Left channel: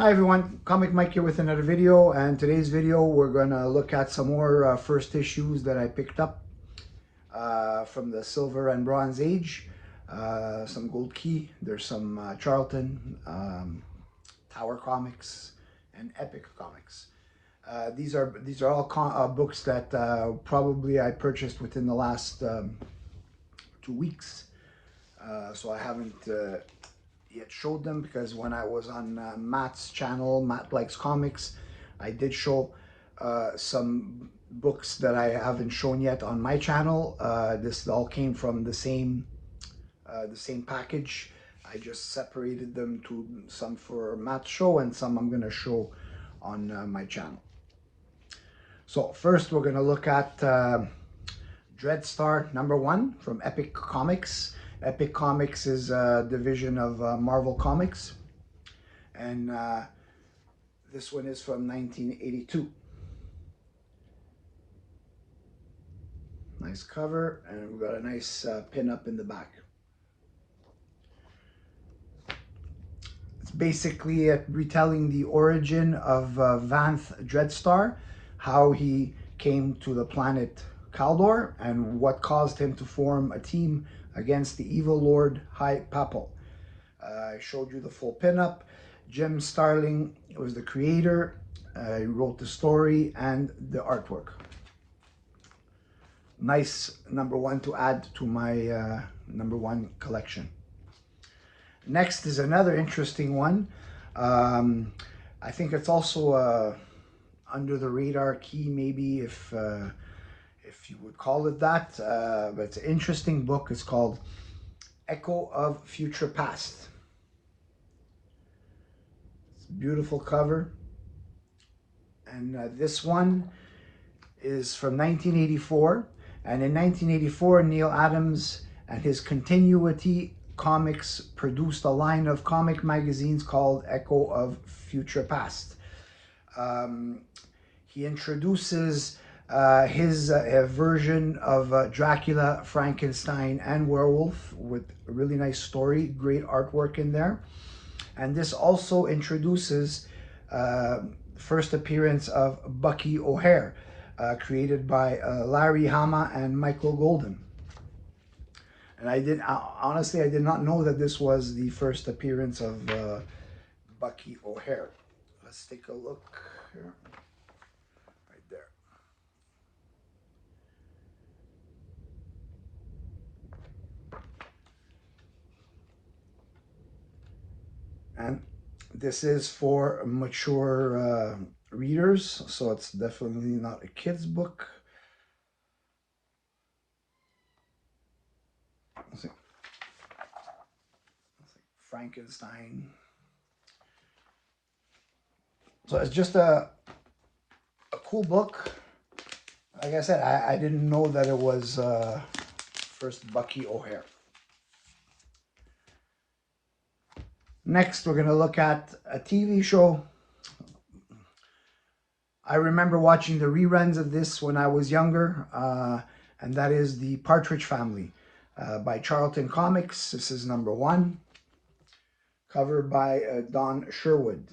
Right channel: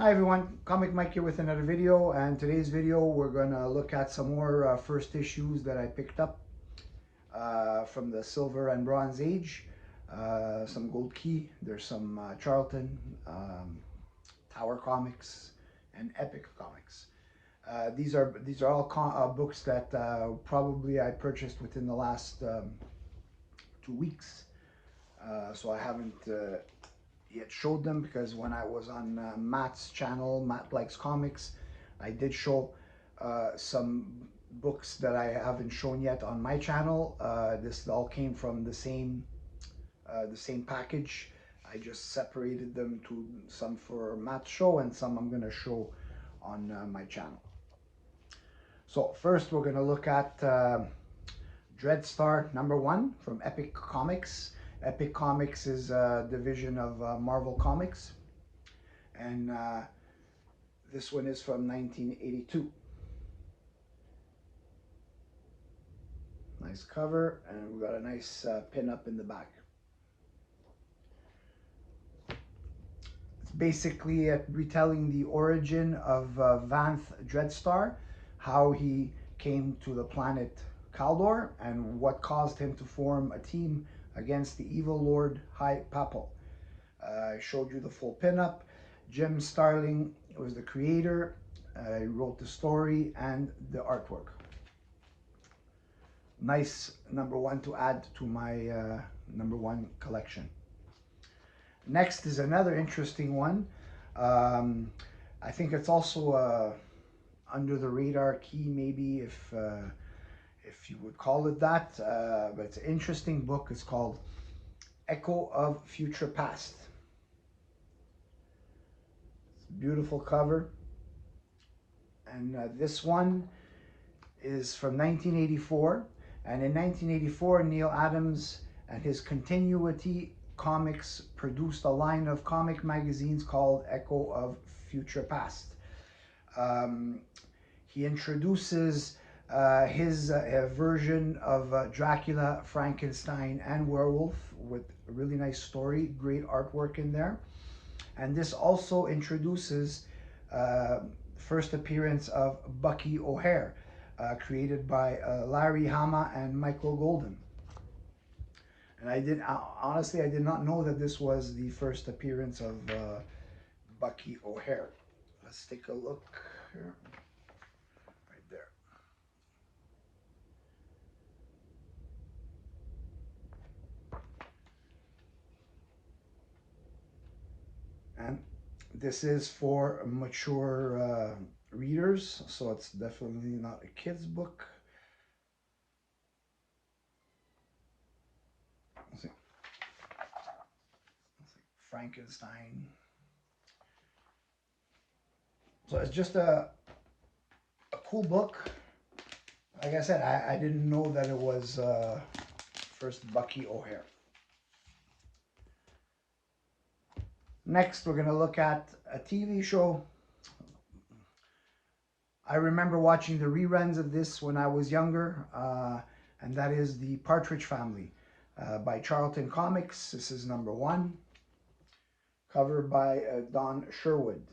Hi everyone, Comic Mike here with another video, and today's video we're gonna look at some more first issues that I picked up from the Silver and Bronze Age. Some Gold Key, there's some Charlton, Tower Comics, and Epic Comics. These are all books that probably I purchased within the last 2 weeks. So I haven't yet showed them, because when I was on Matt's channel, Matt Likes Comics, I did show some books that I haven't shown yet on my channel. This all came from the same package. I just separated them to some for Matt's show and some I'm gonna show on my channel. So first we're gonna look at Dreadstar #1 from Epic Comics. Epic Comics is a division of Marvel Comics, and this one is from 1982. Nice cover, and we've got a nice pin-up in the back. It's basically retelling the origin of Vanth Dreadstar, how he came to the planet Kaldor, and what caused him to form a team against the evil Lord High Papal. I showed you the full pinup. Jim Starling was the creator. He wrote the story and the artwork. Nice #1 to add to my #1 collection. Next is another interesting one. I think it's also under the radar key, maybe, if you would call it that, but it's an interesting book. It's called Echo of Future Past. It's a beautiful cover, and this one is from 1984, and in 1984 Neal Adams and his Continuity Comics produced a line of comic magazines called Echo of Future Past. He introduces his version of Dracula, Frankenstein, and Werewolf with a really nice story, great artwork in there. And this also introduces first appearance of Bucky O'Hare, created by Larry Hama and Michael Golden. And honestly, I did not know that this was the first appearance of Bucky O'Hare. Let's take a look here. And this is for mature readers, so it's definitely not a kid's book. Let's see. Frankenstein. So it's just a cool book. Like I said, I didn't know that it was first Bucky O'Hare. Next, we're going to look at a TV show. I remember watching the reruns of this when I was younger, and that is The Partridge Family by Charlton Comics. This is #1, cover by Don Sherwood.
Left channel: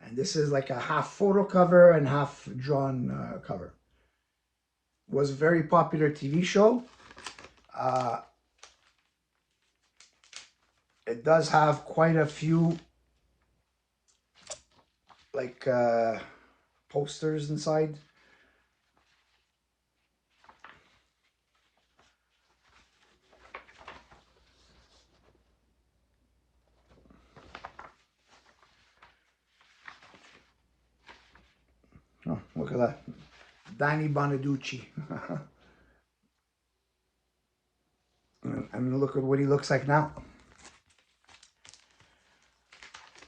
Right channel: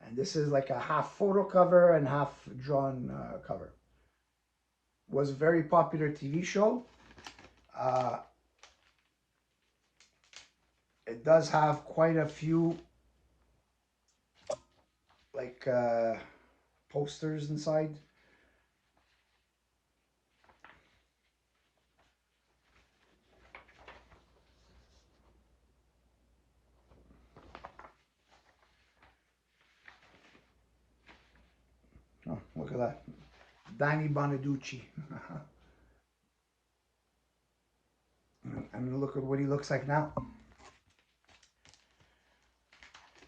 And this is like a half photo cover and half drawn cover. Was a very popular TV show. It does have quite a few like posters inside. Oh, look at that. Danny Bonaducci. And look at what he looks like now.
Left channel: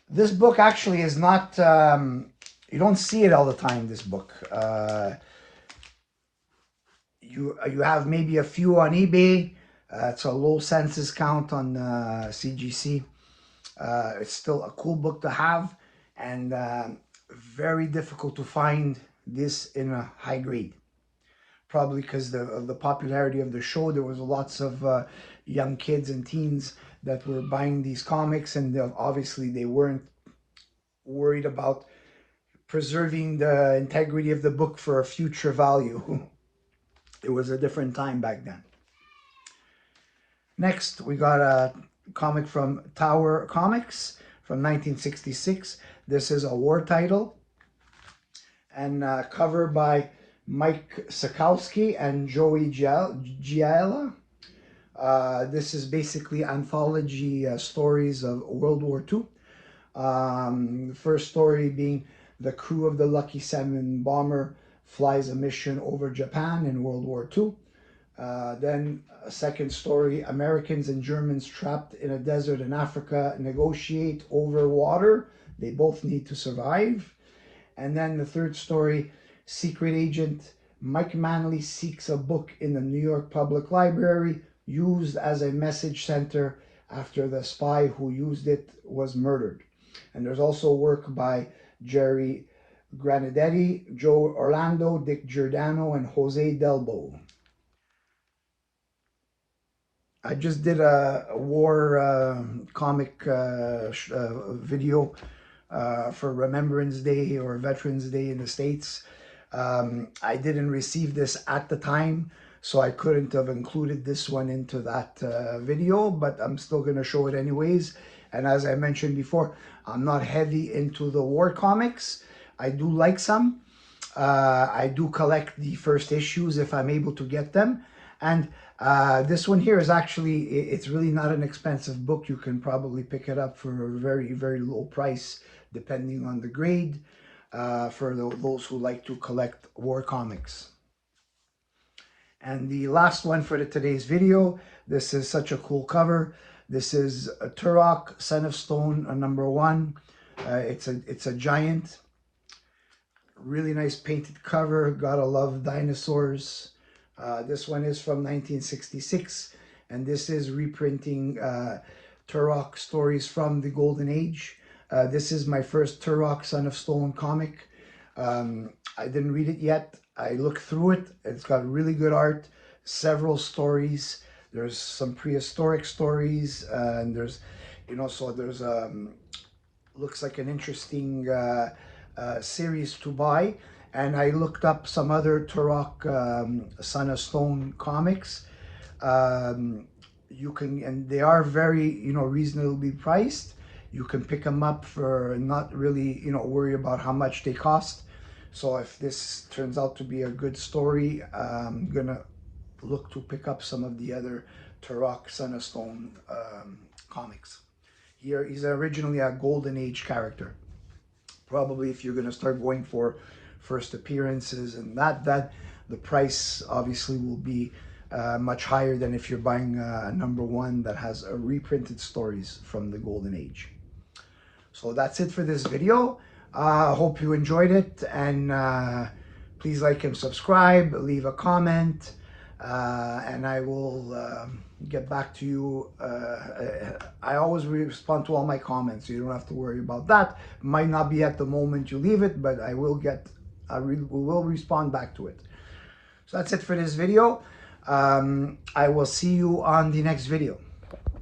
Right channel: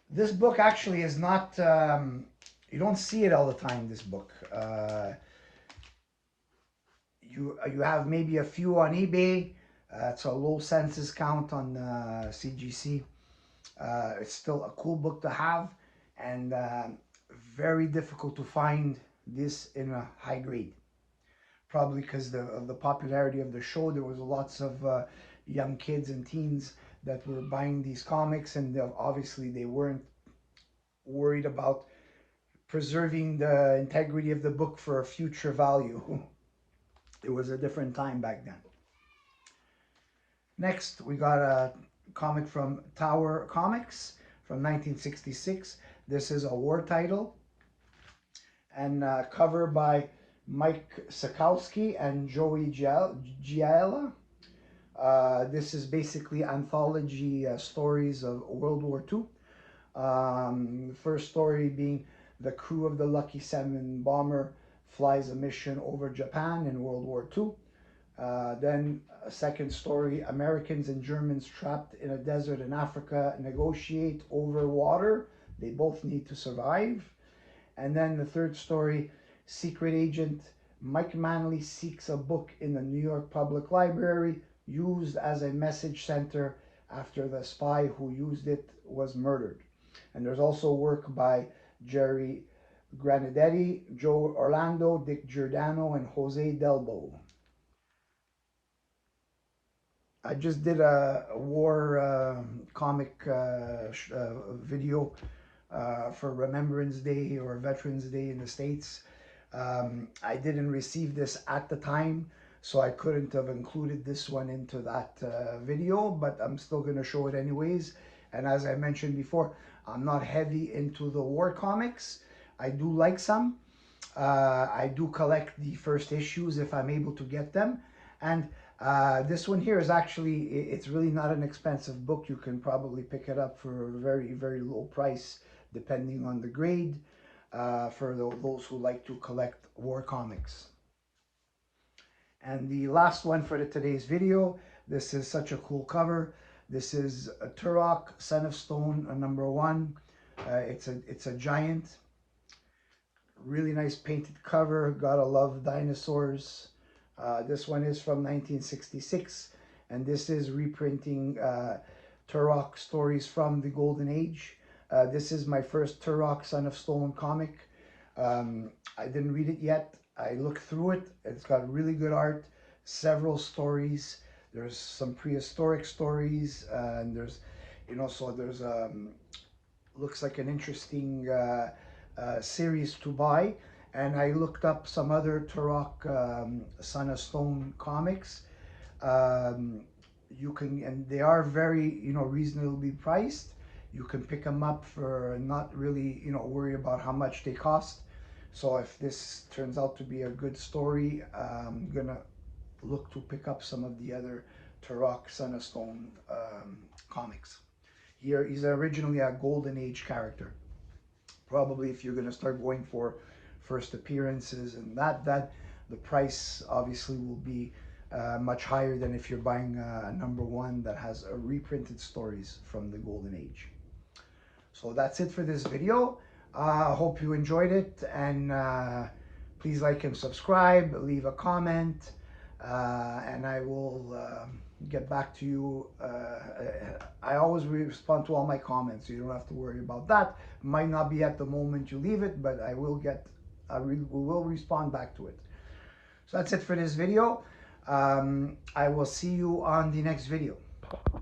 This book actually is not, you don't see it all the time, this book. You have maybe a few on eBay. It's a low census count on CGC. It's still a cool book to have, and very difficult to find this in a high grade. Probably because of the popularity of the show. There was lots of young kids and teens that were buying these comics, and obviously they weren't worried about preserving the integrity of the book for a future value. It was a different time back then. Next, we got a comic from Tower Comics from 1966. This is a war title and cover by Mike Sikowski and Joey Giella. This is basically anthology stories of World War II. First story being the crew of the Lucky 7 bomber flies a mission over Japan in World War II. Then a second story, Americans and Germans trapped in a desert in Africa negotiate over water. They both need to survive. And then the third story, secret agent Mike Manley seeks a book in the New York Public Library used as a message center after the spy who used it was murdered. And there's also work by Jerry Granadetti, Joe Orlando, Dick Giordano, and Jose Delbo. I just did a war comic video for Remembrance Day or Veterans Day in the States. I didn't receive this at the time, so I couldn't have included this one into that video, but I'm still going to show it anyways. And as I mentioned before, I'm not heavy into the war comics. I do like some. I do collect the first issues if I'm able to get them. And this one here is actually, it's really not an expensive book. You can probably pick it up for a very, very low price, depending on the grade, for those who like to collect war comics. And the last one for today's video, this is such a cool cover. This is a Turok, Son of Stone, #1. It's a giant. Really nice painted cover. Gotta love dinosaurs. This one is from 1966, and this is reprinting Turok stories from the Golden Age. This is my first Turok, Son of Stone comic. I didn't read it yet. I looked through it. It's got really good art, several stories. There's some prehistoric stories, and there's, so there's looks like an interesting series to buy. And I looked up some other Turok Son of Stone comics. You can, and they are very, reasonably priced. You can pick them up for not really, worry about how much they cost. So if this turns out to be a good story, I'm gonna look to pick up some of the other Turok Son of Stone comics. Here, he's originally a Golden Age character. Probably if you're gonna start going for first appearances and that the price obviously will be much higher than if you're buying a #1 that has reprinted stories from the Golden Age. So that's it for this video. I hope you enjoyed it, and please like and subscribe, leave a comment, and I will get back to you. I always respond to all my comments, so you don't have to worry about that. Might not be at the moment you leave it, but I will will respond back to it. So that's it for this video. I will see you on the next video.